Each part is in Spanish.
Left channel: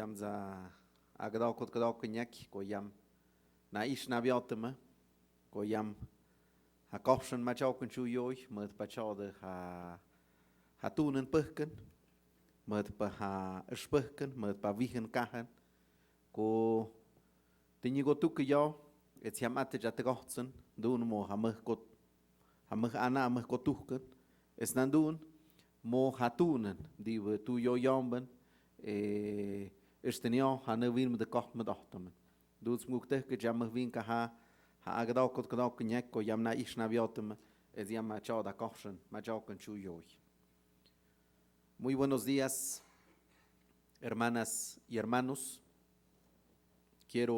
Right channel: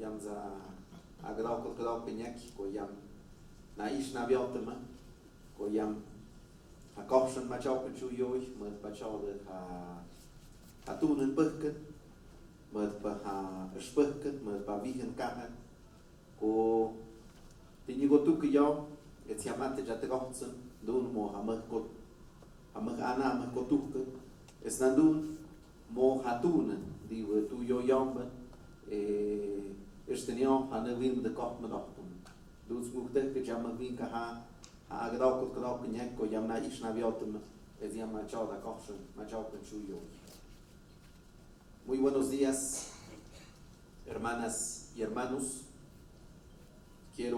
yam za agdao pinyaki ko yam na ish na biotama ko yam ha kausen ma chau kan chu yoi mật pa chau de ha tu nen peken mật pa ha speken mật pa vihen ka ko tinyi go tu ki yo et siam at ja te gohtsen dun mo ha ana mật ko tu ke es na dun mo ha tu nen di tu yo yomben Estenion ha ne vim de koch me dochtum. Dus mukte ke jam vin ka ha agdao kot nyek ko yam na ish na biotum es yam ma chao da kochen ma chao con chuyo. Muy buenos días, hermanas y hermanos. Quiero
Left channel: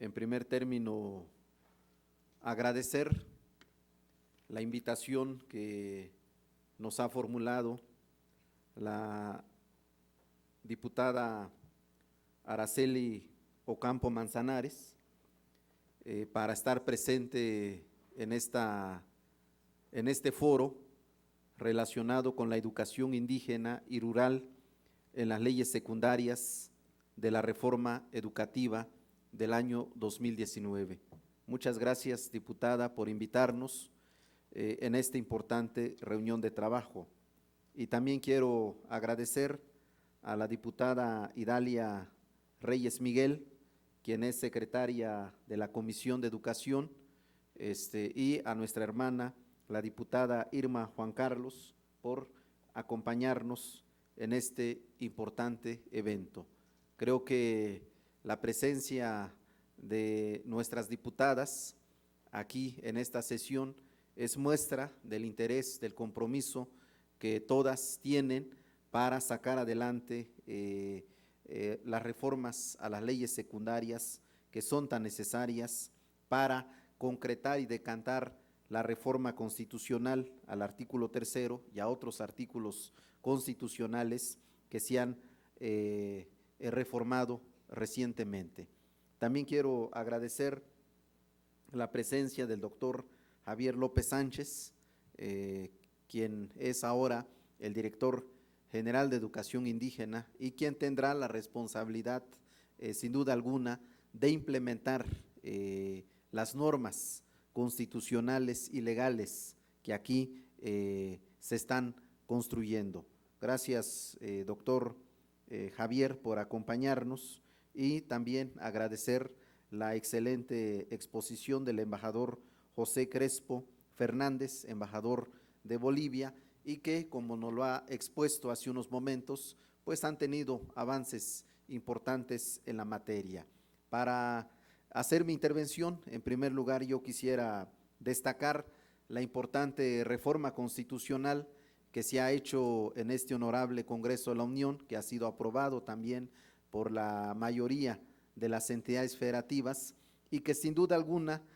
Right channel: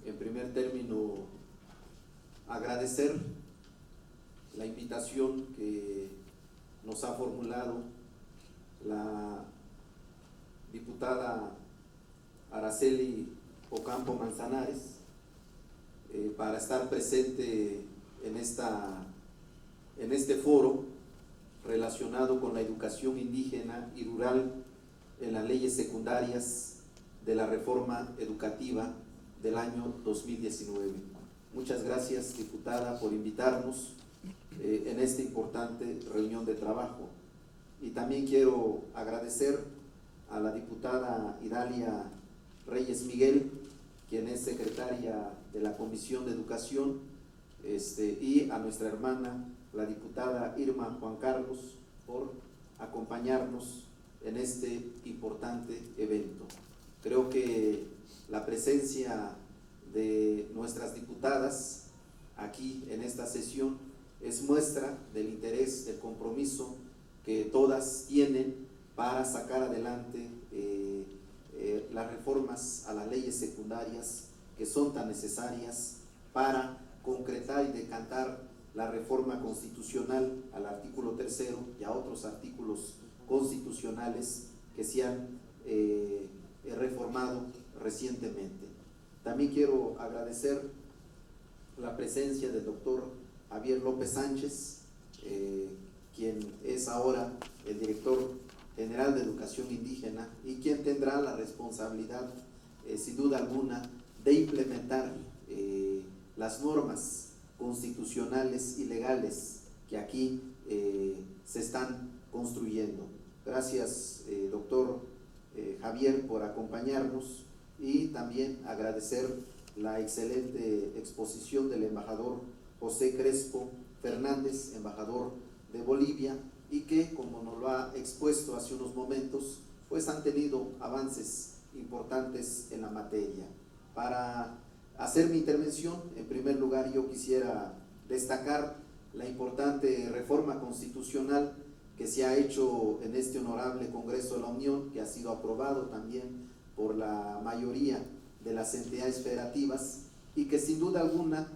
en primer término agradecer la invitación que nos ha formulado la diputada Araceli Ocampo Manzanares para estar presente en este foro relacionado con la educación indígena y rural en las leyes secundarias de la reforma educativa del año 2019. Muchas gracias, diputada, por invitarnos en esta importante reunión de trabajo. Y también quiero agradecer a la diputada Idalia Reyes Miguel, quien es secretaria de la Comisión de Educación, y a nuestra hermana, la diputada Irma Juan Carlos, por acompañarnos en este importante evento. Creo que la presencia de nuestras diputadas aquí en esta sesión es muestra del interés, del compromiso que todas tienen para sacar adelante las reformas a las leyes secundarias que son tan necesarias para concretar y decantar la reforma constitucional al artículo 3 y a otros artículos constitucionales que se han reformado recientemente. También quiero agradecer la presencia del doctor Javier López Sánchez, quien es ahora el director general de Educación Indígena y quien tendrá la responsabilidad, sin duda alguna, de implementar las normas constitucionales y legales que aquí se están construyendo. Gracias, doctor Javier, por acompañarnos, y también agradecer la excelente exposición del embajador José Crespo Fernández, embajador de Bolivia, y que, como nos lo ha expuesto hace unos momentos, pues han tenido avances importantes en la materia. Para hacer mi intervención, en primer lugar yo quisiera destacar la importante reforma constitucional que se ha hecho en este honorable Congreso de la Unión, que ha sido aprobado también por la mayoría de las entidades federativas y que sin duda alguna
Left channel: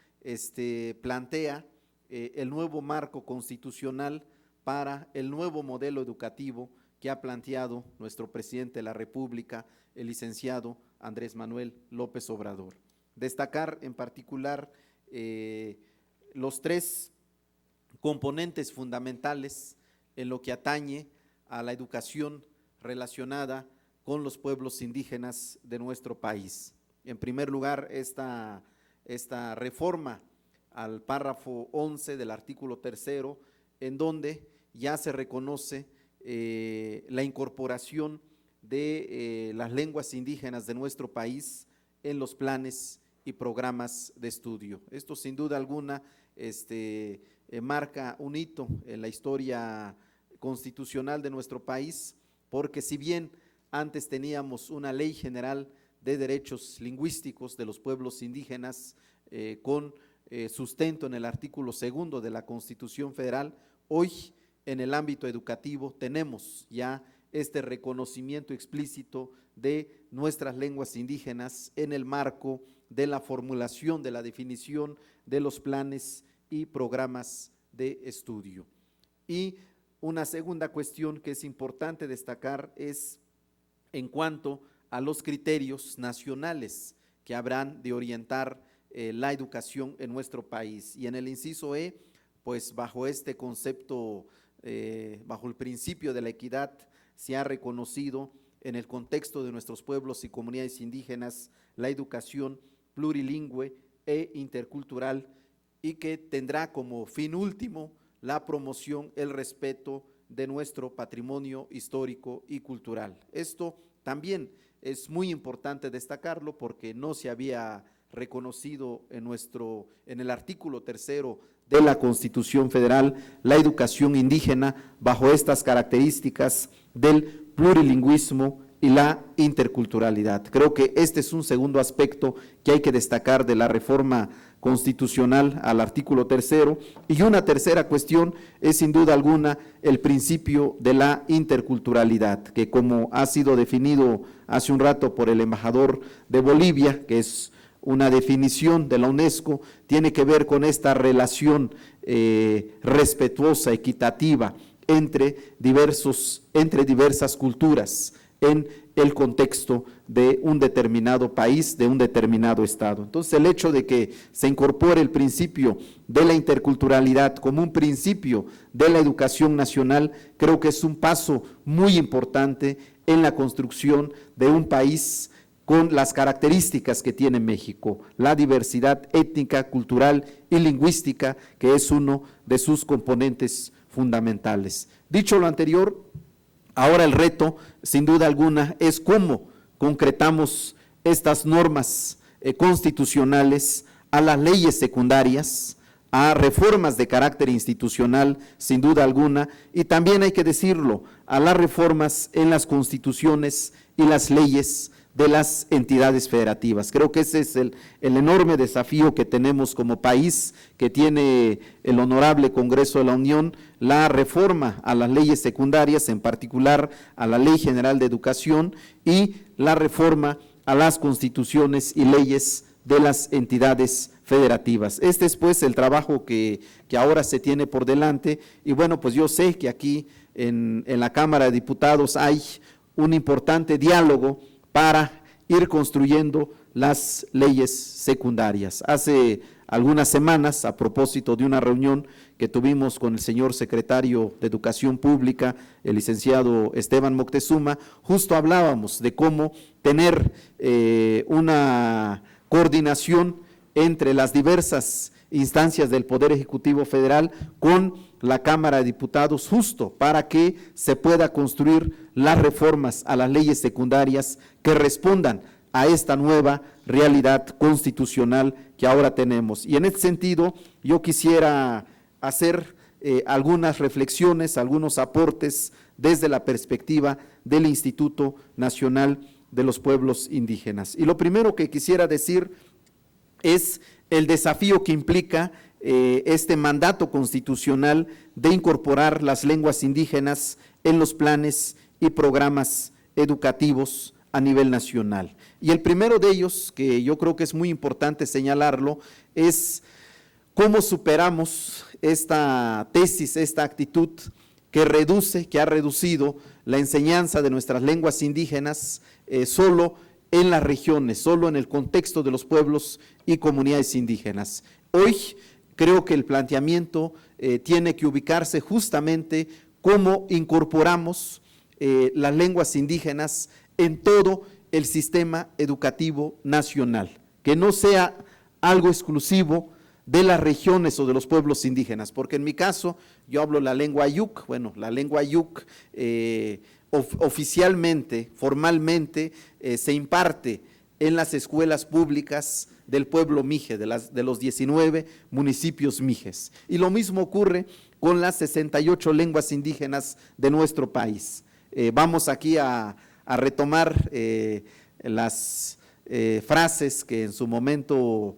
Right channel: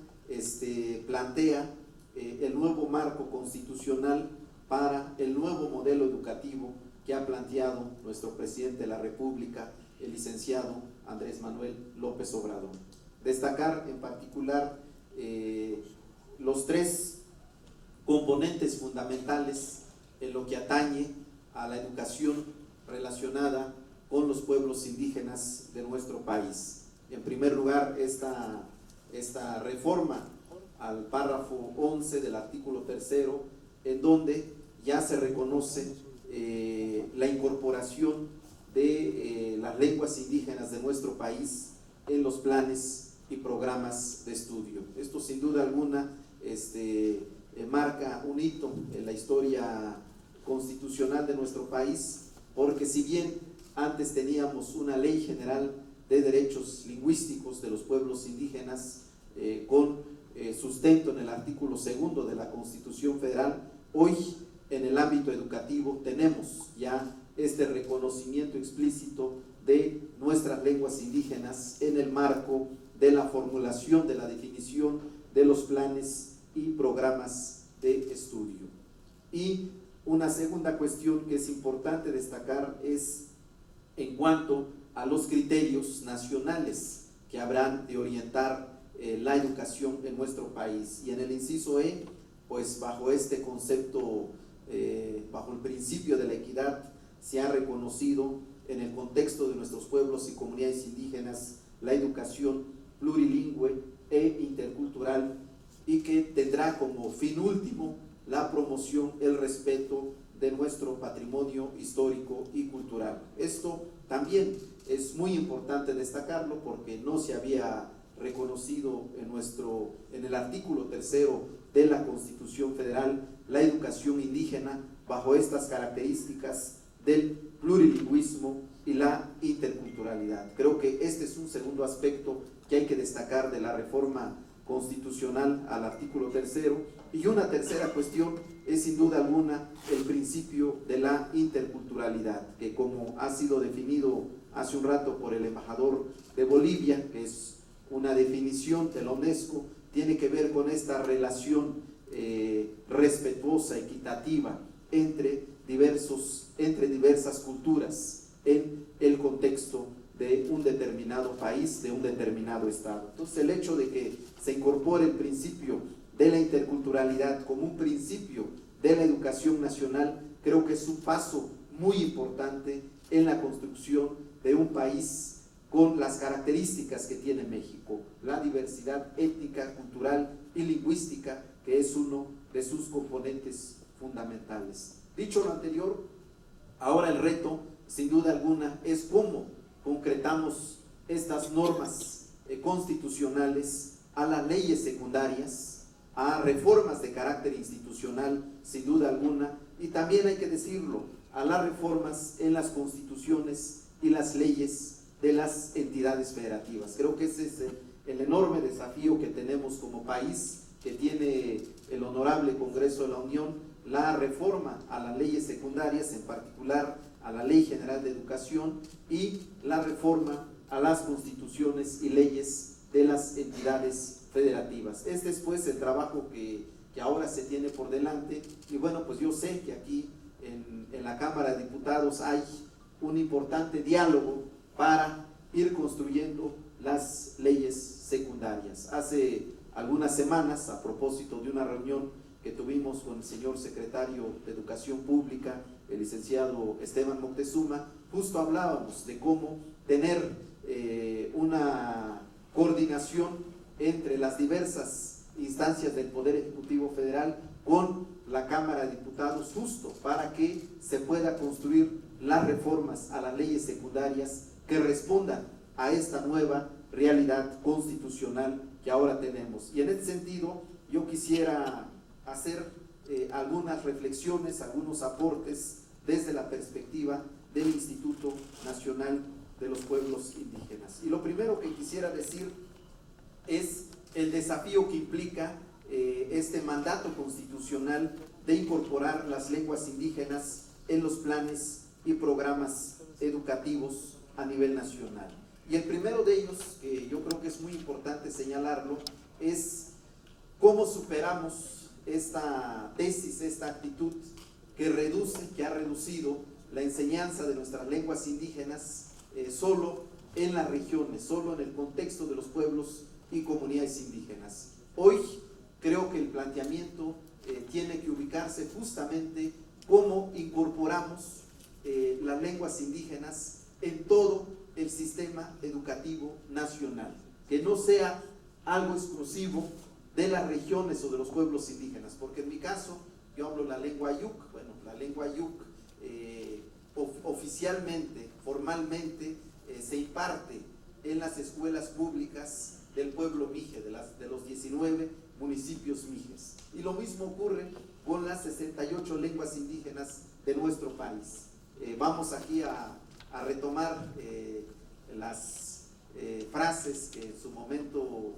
plantea el nuevo marco constitucional para el nuevo modelo educativo que ha planteado nuestro presidente de la República, el licenciado Andrés Manuel López Obrador. Destacar en particular los tres componentes fundamentales en lo que atañe a la educación relacionada con los pueblos indígenas de nuestro país. En primer lugar, esta reforma al párrafo 11 del artículo 3, en donde ya se reconoce la incorporación de las lenguas indígenas de nuestro país en los planes y programas de estudio. Esto sin duda alguna marca un hito en la historia constitucional de nuestro país, porque si bien antes teníamos una ley general de derechos lingüísticos de los pueblos indígenas con sustento en el artículo 2 de la Constitución Federal, hoy en el ámbito educativo tenemos ya este reconocimiento explícito de nuestras lenguas indígenas en el marco de la formulación de la definición de los planes y programas de estudio. Y una segunda cuestión que es importante destacar es en cuanto a los criterios nacionales que habrán de orientar la educación en nuestro país. Y en el inciso E, pues bajo este concepto, bajo el principio de la equidad, se ha reconocido en el contexto de nuestros pueblos y comunidades indígenas la educación plurilingüe e intercultural, y que tendrá como fin último la promoción, el respeto de nuestro patrimonio histórico y cultural. Esto también es muy importante destacarlo porque no se había reconocido en el artículo 3º de la Constitución Federal la educación indígena bajo estas características del plurilingüismo y la interculturalidad. Creo que este es un segundo aspecto que hay que destacar de la reforma constitucional al artículo 3º, y una tercera cuestión es sin duda alguna el principio de la interculturalidad, que como ha sido definido hace un rato por el embajador de Bolivia, que es una definición de la UNESCO, tiene que ver con esta relación respetuosa, equitativa entre diversas culturas en el contexto de un determinado país, de un determinado estado. Entonces, el hecho de que se incorpore el principio de la interculturalidad como un principio de la educación nacional, creo que es un paso muy importante en la construcción de un país con las características que tiene México, la diversidad étnica, cultural y lingüística, que es uno de sus componentes fundamentales. Dicho lo anterior, ahora el reto, sin duda alguna, es cómo concretamos estas normas constitucionales a las leyes secundarias, a reformas de carácter institucional, sin duda alguna, y también hay que decirlo, a las reformas en las constituciones y las leyes de las entidades federativas. Creo que ese es el enorme desafío que tenemos como país, que tiene el honorable Congreso de la Unión, la reforma a las leyes secundarias, en particular a la Ley General de Educación, y la reforma a las constituciones y leyes de las entidades federativas. Este es pues el trabajo que ahora se tiene por delante, y bueno, pues yo sé que aquí en la Cámara de Diputados hay un importante diálogo para ir construyendo las leyes secundarias. Hace algunas semanas, a propósito de una reunión que tuvimos con el señor secretario de Educación Pública, el licenciado Esteban Moctezuma, justo hablábamos de cómo tener una coordinación entre las diversas instancias del Poder Ejecutivo Federal con la Cámara de Diputados, justo para que se pueda construir las reformas a las leyes secundarias que respondan a esta nueva realidad constitucional que ahora tenemos. Y en este sentido, yo quisiera hacer algunas reflexiones, algunos aportes desde la perspectiva del Instituto Nacional de los Pueblos Indígenas. Y lo primero que quisiera decir es el desafío que implica este mandato constitucional de incorporar las lenguas indígenas en los planes y programas educativos a nivel nacional. Y el primero de ellos, que yo creo que es muy importante señalarlo, es cómo superamos esta tesis, esta actitud que ha reducido la enseñanza de nuestras lenguas indígenas solo en las regiones, solo en el contexto de los pueblos y comunidades indígenas. Hoy creo que el planteamiento tiene que ubicarse justamente cómo incorporamos las lenguas indígenas en todo el sistema educativo nacional, que no sea algo exclusivo de las regiones o de los pueblos indígenas, porque en mi caso yo hablo la lengua Ayuk. Bueno, la lengua Ayuk oficialmente, formalmente, se imparte en las escuelas públicas del pueblo mije, de los 19 municipios mijes. Y lo mismo ocurre con las 68 lenguas indígenas de nuestro país. Vamos aquí a retomar las frases que en su momento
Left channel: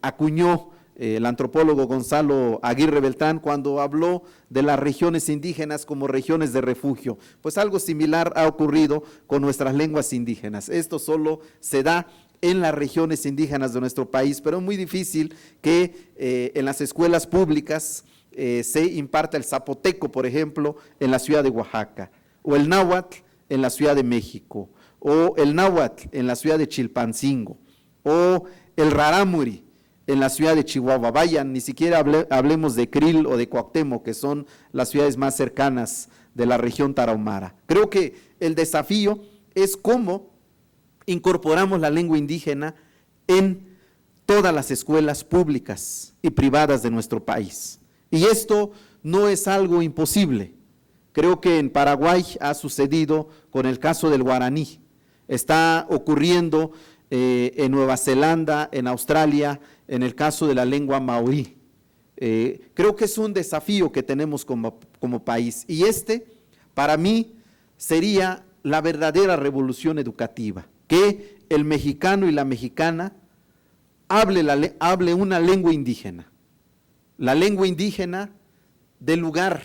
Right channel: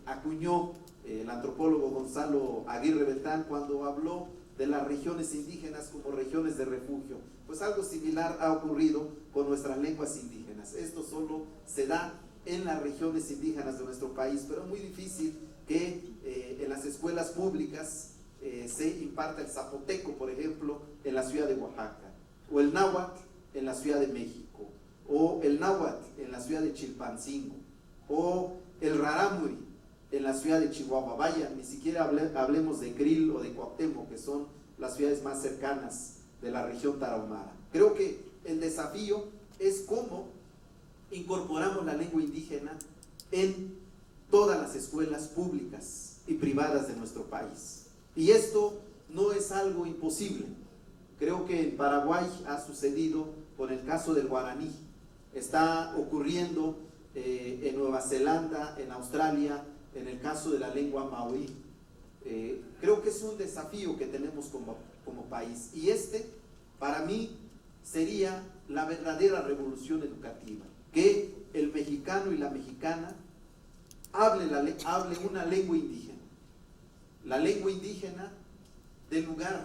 acuñó el antropólogo Gonzalo Aguirre Beltrán cuando habló de las regiones indígenas como regiones de refugio. Pues algo similar ha ocurrido con nuestras lenguas indígenas. Esto solo se da en las regiones indígenas de nuestro país, pero es muy difícil que en las escuelas públicas se imparta el zapoteco, por ejemplo, en la ciudad de Oaxaca, o el náhuatl en la Ciudad de México, o el náhuatl en la ciudad de Chilpancingo, o el rarámuri en la ciudad de Chihuahua. Vayan, ni siquiera hablemos de Krill o de Cuauhtémoc, que son las ciudades más cercanas de la región tarahumara. Creo que el desafío es cómo incorporamos la lengua indígena en todas las escuelas públicas y privadas de nuestro país. Y esto no es algo imposible. Creo que en Paraguay ha sucedido con el caso del guaraní. Está ocurriendo en Nueva Zelanda, en Australia, en el caso de la lengua maorí. Creo que es un desafío que tenemos como país. Y para mí, sería la verdadera revolución educativa, que el mexicano y la mexicana hable una lengua indígena. La lengua indígena del lugar.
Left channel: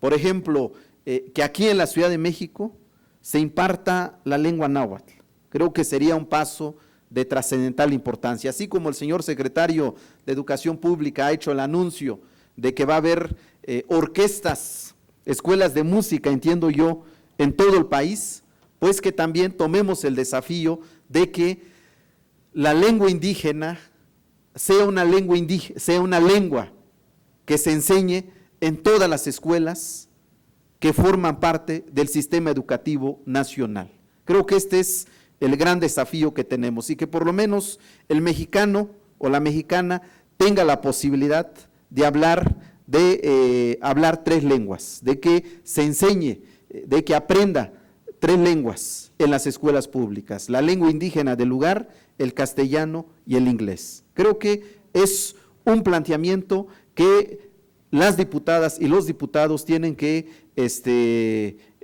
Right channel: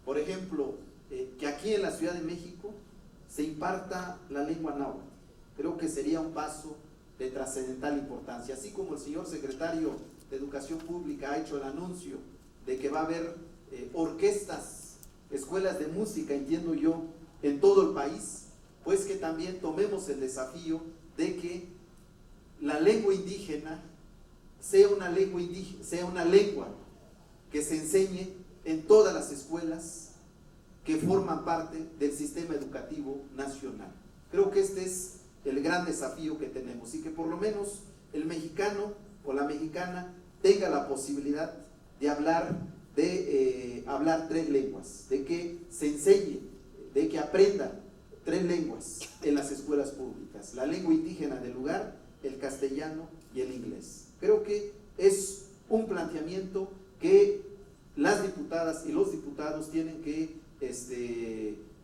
Por ejemplo, que aquí en la Ciudad de México se imparta la lengua náhuatl. Creo que sería un paso de trascendental importancia. Así como el señor secretario de Educación Pública ha hecho el anuncio de que va a haber orquestas, escuelas de música, entiendo yo, en todo el país, pues que también tomemos el desafío de que la lengua indígena sea una lengua que se enseñe en todas las escuelas que forman parte del sistema educativo nacional. Creo que este es el gran desafío que tenemos y que por lo menos el mexicano o la mexicana tenga la posibilidad de hablar tres lenguas, de que se enseñe, de que aprenda tres lenguas en las escuelas públicas, la lengua indígena del lugar, el castellano y el inglés. Creo que es un planteamiento que las diputadas y los diputados tienen que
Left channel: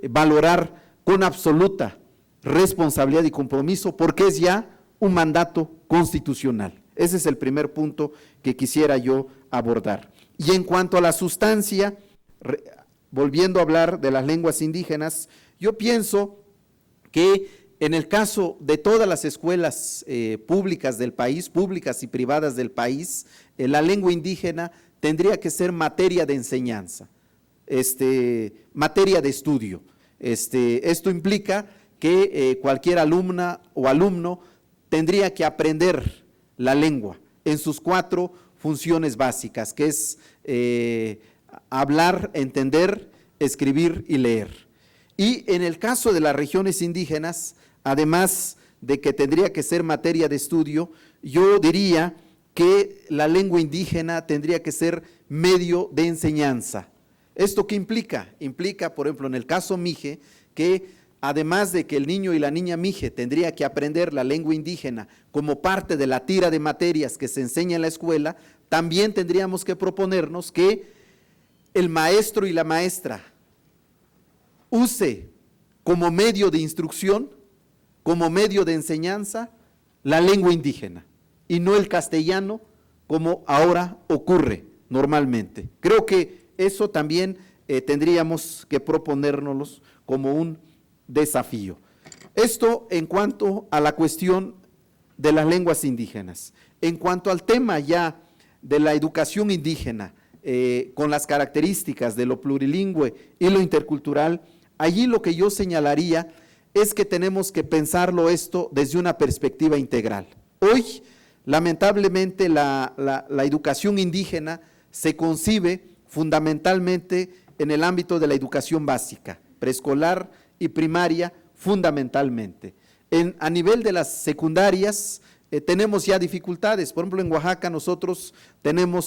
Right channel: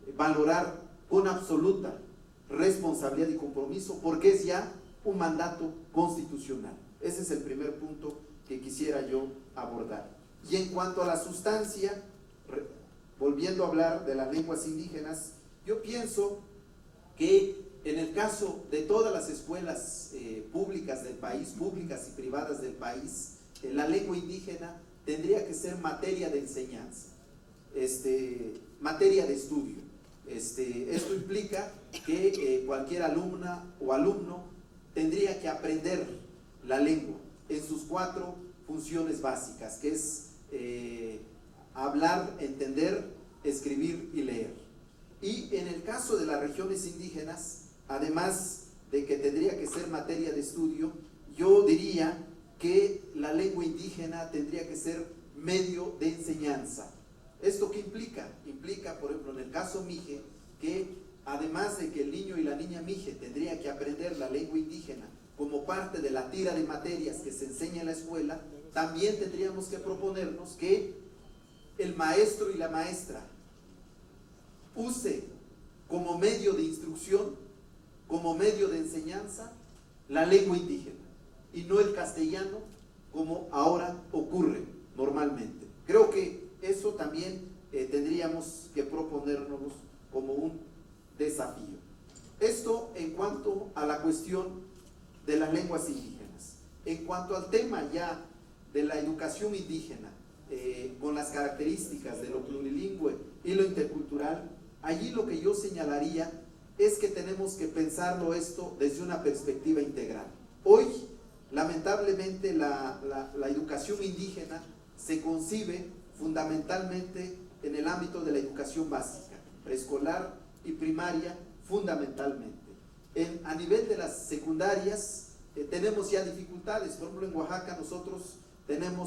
valorar con absoluta responsabilidad y compromiso, porque es ya un mandato constitucional. Ese es el primer punto que quisiera yo abordar. Y en cuanto a la sustancia, volviendo a hablar de las lenguas indígenas, yo pienso que en el caso de todas las escuelas públicas del país, públicas y privadas del país, la lengua indígena tendría que ser materia de enseñanza, materia de estudio. Esto implica que cualquier alumna o alumno tendría que aprender la lengua en sus 4 funciones básicas, que es hablar, entender, escribir y leer. Y en el caso de las regiones indígenas, además de que tendría que ser materia de estudio, yo diría que la lengua indígena tendría que ser medio de enseñanza. ¿Esto qué implica? Implica, por ejemplo, en el caso mije, que además de que el niño y la niña mije tendría que aprender la lengua indígena como parte de la tira de materias que se enseña en la escuela, también tendríamos que proponernos que el maestro y la maestra use como medio de instrucción, como medio de enseñanza, la lengua indígena y no el castellano como ahora ocurre normalmente. Creo que eso también tendríamos que proponérnoslo como un desafío. Esto en cuanto a la cuestión de las lenguas indígenas. En cuanto al tema ya de la educación indígena, con las características de lo plurilingüe y lo intercultural, allí lo que yo señalaría es que tenemos que pensarlo esto desde una perspectiva integral. Hoy, lamentablemente, la educación indígena se concibe fundamentalmente en el ámbito de la educación básica, preescolar y primaria fundamentalmente. A nivel de las secundarias tenemos ya dificultades. Por ejemplo, en Oaxaca nosotros tenemos